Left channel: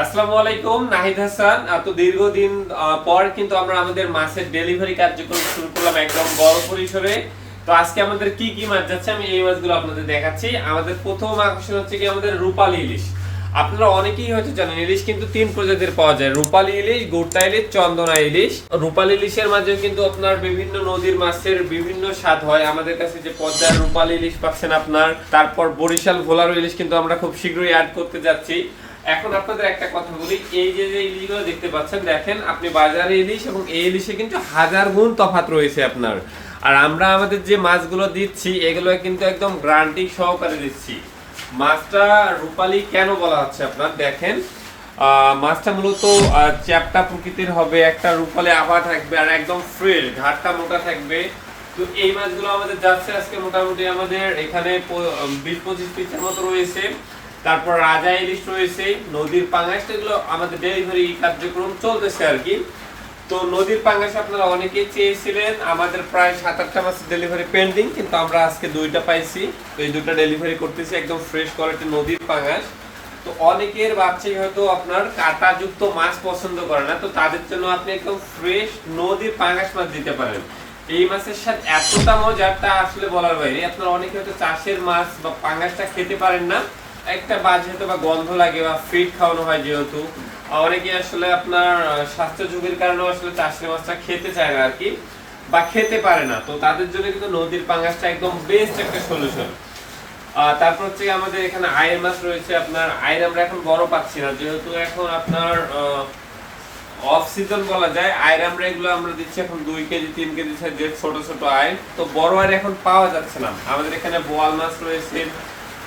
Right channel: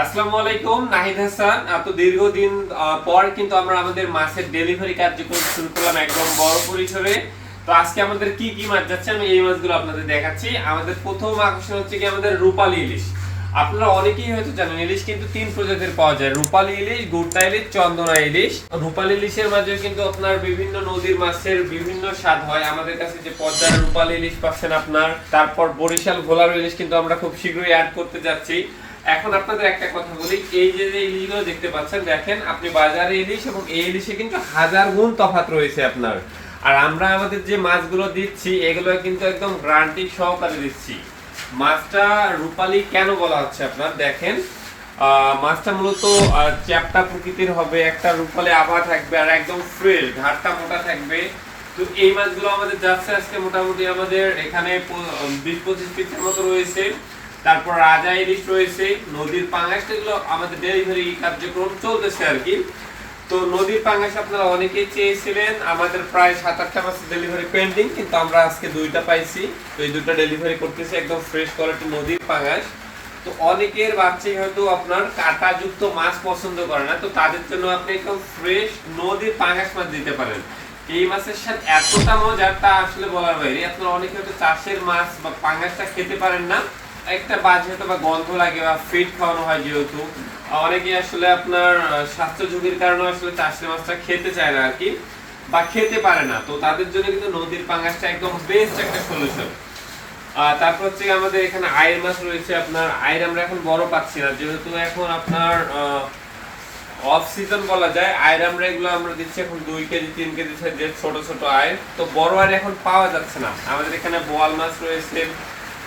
আসসালামু আলাইকুম, নাহিদ হাসান। তো দীর্ঘদিন পর কিন্তু আমরা আমাদের মাছের ডেলিভারি কার্যক্রম শুরু করলাম একদম বড় পরিসরে। তো আজকে আমাদের কি কি মাছ যাচ্ছে আমি এই মাছগুলো আপনাদের দেখাচ্ছি। আমাদের প্রথম আকর্ষণ হচ্ছে কি আমাদের রূপালী ইলিশ। আপনারা অনেকেই হয়তো জানেন, ইলিশ কিন্তু তিন প্রজাতির পাওয়া যায়। রূপালী ইলিশ, গোটা ইলিশ, চন্দনা ইলিশ। রূপালী ইলিশের মাঝে কিন্তু আপনার বিভিন্ন নদীর মাছের বিভিন্ন স্বাদ হয়। আমাদের কাছে যে পদ্মার রূপালী ইলিশ পাচ্ছেন আপনার, তারপর বরিশাল ভোলার ইলিশ কিন্তু আমরা খুব শীঘ্রই অ্যাড করতে যাচ্ছি। এখন আপনাদের একটা কথা বলি, এই যে যে ইলিশগুলো দেখতে পাচ্ছেন, দেখেন, আপনি বাজারে ইলিশ এবং এই ইলিশে কিন্তু হাজার গুণ তফাৎ রয়েছে আপনার। আর আমরা আমাদের যে মাছগুলো দিচ্ছি, এগুলো কিন্তু একদম গ্যারান্টি সহকারে দিচ্ছি। মাছটা রূপালি কেন বলা হচ্ছে আপনার? দেখেন মাছটা মূলত চ্যাপটা প্রকৃতির হবে, একটা রূপালি আভা থাকবে আর একদম ফ্রেশ ঘাটটা মোটা থাকবে। তো এই মাছগুলো আমাদের যাচ্ছে আজকে মোটামুটি আমাদের এখানে বিশ পঁচিশ পিসের মতো রয়েছে। তারপর রাজা ইলিশ রয়েছে নদীর পাঙ্গাস, এগুলো আমাদের ডেলিভারি কার্যক্রম চলতেছে আর কি। তো নদীর পাঙ্গাস আপনারা অনেকেই চেয়েছিলেন, আমাদের প্রায় সাত আটটা মাসের ডেলিভারি পেন্ডিং, কিন্তু আমরা আজকে দুইটা পাইছি। তো এই দুটো ডেলিভারি করতেছি একদম ফ্রেশ কোয়ালিটি নদীর পাঙ্গাস। তো অনেকের বাচ্চাই হয়তো আপনার কাঁটাযুক্ত মাছ পছন্দ করে না, তো তাদের জন্য আপনি একদম ফ্রেশ নদীর পাঙ্গাস মাছ দিতে পারেন। এই মাছের সাথে এতটা মজার তা আসলে বলার বাইরে। আপনারা অনেকে হয়তো চাষের মাছ বা পাঙ্গাসটা খেতে পারেন না একটা বাজে বা গন্ধ লাগে বা ফিট খাওয়ানো হয় যেহেতু, অনেকে আসলে আপনার স্বাস্থ্য ঝুঁকির কারণে আসলে চাষের মাছটা খেতে চায় না আর কি, বা খেতে পারে না। তো তাদের জন্য কিন্তু নদীর পাঙ্গাসটা একদম বেস্ট একটা সলিউশন তারপর হচ্ছে আমাদের এখানে আয়ের মাছ রয়েছে আপনার আয়ের আমরা এখন বড় পাচ্ছি না। যেহেতু এখন আপনার অফ সিজন বলা যায় আয়ের আমরা এগুলো আমরা দিচ্ছি এখন দুই কেজি, তিন কেজি যে ছোট ছোট আয়ের তো বড় আয় এখন পাওয়া যাচ্ছে না। আমাদের এখানে বোয়াল মাছ রয়েছে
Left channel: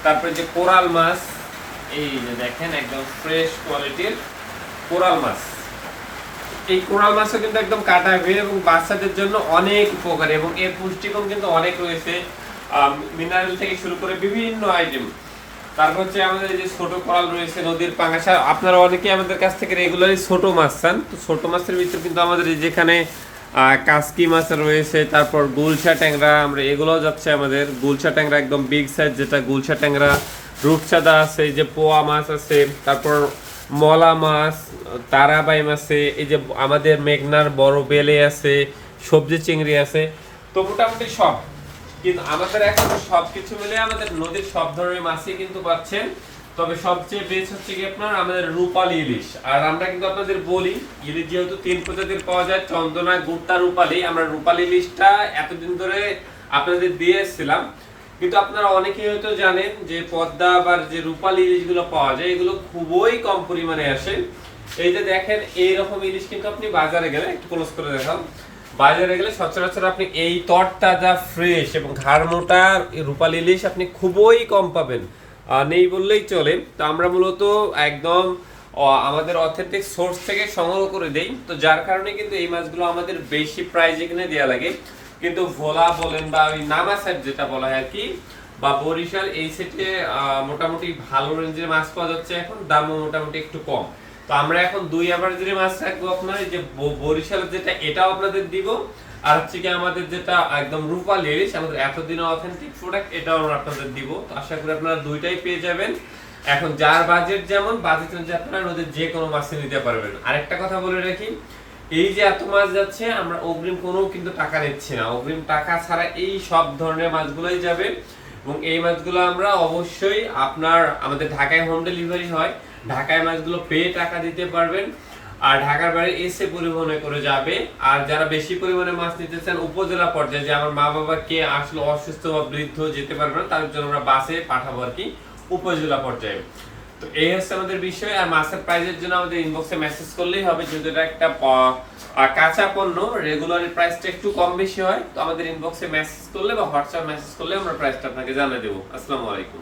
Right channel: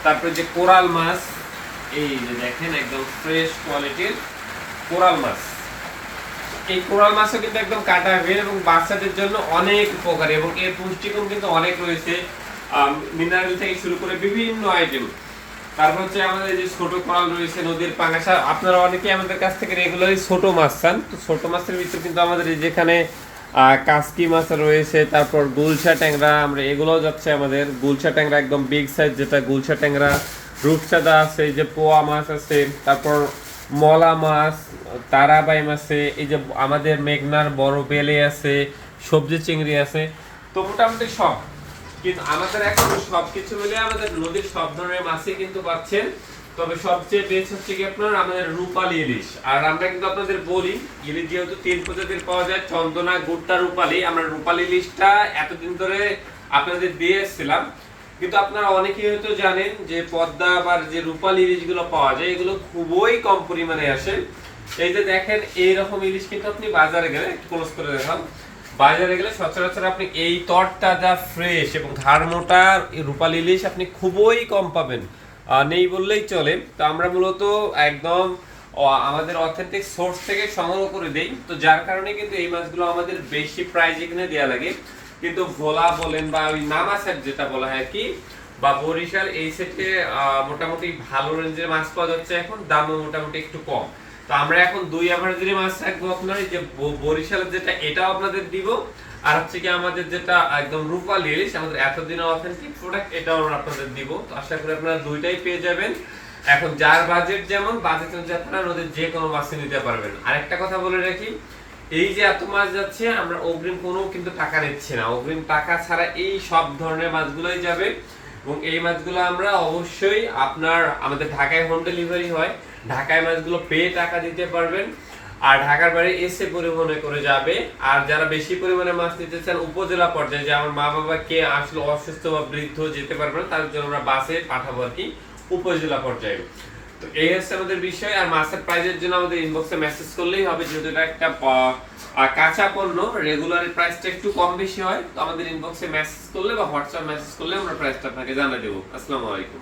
তারপরে যে কোরাল মাছ, এই যে দেখেন একদম ফ্রেশ কোয়ালিটির কোরাল মাছ। এই কোরাল মাছও কিন্তু একদম কাটা বের এবং বাচ্চাদের জন্য অনেক উপকারী এবং এর পুষ্টিগুণ কিন্তু অনেক রয়েছে। মিনারেল থেকে শুরু করে বিভিন্ন আইটেম তারপর হচ্ছে আমাদের যে ছোট কোরাল রয়েছে নদীর পাঙ্গাসা আপনারা অনেকেই আমাদের কাছ থেকে রেগুলারই ছোট মাছ চান। তো ছোট মাছের ভিতরে কিন্তু আমাদের যেখানে কাসকি মাছ রয়েছে, তারপর গুলশা ট্যাংরা, আমরা এগুলোও যাচ্ছে আমাদের। গুলশা ট্যাংরা একদম বিগ সাইজ যেটা গুলশা ট্যাংরা রূপচাঁদা আছে, এই যে পোয়া মাছ আছে, তারপর মলা মাছ তারাবাই আছে, এই যে আমাদের মেঘনার বড় বেলে আছে, সবজি চিংড়ি আছে। তো মোটামুটি সব। কিন্তু আমাদের এখন সবকিছু মিলে আমাদের নদীর সব ধরনের মাছই কিন্তু পাচ্ছেন। তবে সবচেয়ে বেস্ট হচ্ছে কি আপনার আমাদের রূপালী ইলিশ। আর আমরা কিন্তু আপনাদের বলি, ইলিশ যেহেতু তিন প্রজাতির পাওয়া যায়, চন্দনা, গুড়টা, রূপালী, আমরা রূপালী ইলিশটা এতদিন ধরে আপনাদের দিয়ে এসেছিলাম কিন্তু আপনারা অনেকেই হয়তো জানেন যে পদ্মা বা যে রূপালী ইলিশগুলো পাওয়া যায়, এগুলো খুবই কম পরিমাণে আসে। এই যে দেখেন, এইরকম ইলিশ কিন্তু আপনি বাজারে গেলে একটু ক্লোজ করে দেখান বাজারে গেলে সচরাচর আপনি এই তরতাজা ফ্রেশ এবং ঘাড়মোটা রূপালী ইলিশ আপনি খুবই কম পাবেন। নেই বললেই চলে। তো আমরা মূলত একদম আমাদের অথেন্টিক সোর্স থেকে সংগ্রহ করে দেই। তো যার কারণে কিন্তু এই মাছগুলো আমাদের বেশি প্রাইজ এখানে দেওয়া লাগে। কিন্তু ভোলা বলেন বা ওই নামা সেট যেটা বলা হয় কি, বা বরিশাল এই সেটে মোটামুটি ভালো রেঞ্জের মাছ পাওয়া যাচ্ছে এখন, দামও মোটামুটি একটু কম। তো আমরা এখন দুই অ্যাভারেজের মাছ রাখব আপনার যে বরিশালের যেটা, এটাও আপনাদের দিব। আর হচ্ছে কি আমাদের যেটা একদম রূপালী ইলিশ আমাদের এতদিন অথেন্টিক প্রোডাক্ট এটাও আমরা আপনাদের দিব। আশা করি আপনারা দুইটাই পেয়ে যাবেন। এখন যার বাজেট যেমন বাজেট অনুযায়ী আপনারা ওদের যে কোনো মাছই নিতে পারবেন। আরেকটা কথা বলে রাখি, এই যে এত মাছ যাচ্ছে, আমরা অগ্রিম কোনো কিন্তু টাকা নিচ্ছি না। অগ্রিম টাকা ছাড়া এই সব ধরনের মাছগুলোই যাবে। এবং এই মাছগুলো আমরা অবশ্যই আপনার আমাদের ঢাকায় হোম ডেলিভারি হয়। ঢাকায় মাছগুলো পেয়ে টাকা দিতে পারবেন। আর ঢাকার বাইরে এসে পরিবহনে করে যাবে। আর যারা বেশি পরিমাণে মাছ নিতে চান, উপজেলা পর্যায়ে যে আমার মা বাবা কে আসলে অসুস্থ বা বৃদ্ধ যেতে পারবে না, তাদের জন্য আমরা বাসে পাঠাবো আর কি উপজেলা পর্যায়ে। তো এই হচ্ছে আমাদের বিষয়। আর মাছের প্রাইজের জন্য আমাদের ইনবক্সে মেসেজ করলেই হবে। যদি একটা আহ, কাঁচা পণ্য রেগুলার প্রাইসটা একটু কম বেশি হয় তো আমাদের ইনবক্সে মেসেজ করলে বা হোয়াটসঅ্যাপ মেসেজ করলে আমরা প্রাইসটা আপনাকে জানিয়ে দেবো। আসসালামু আলাইকুম।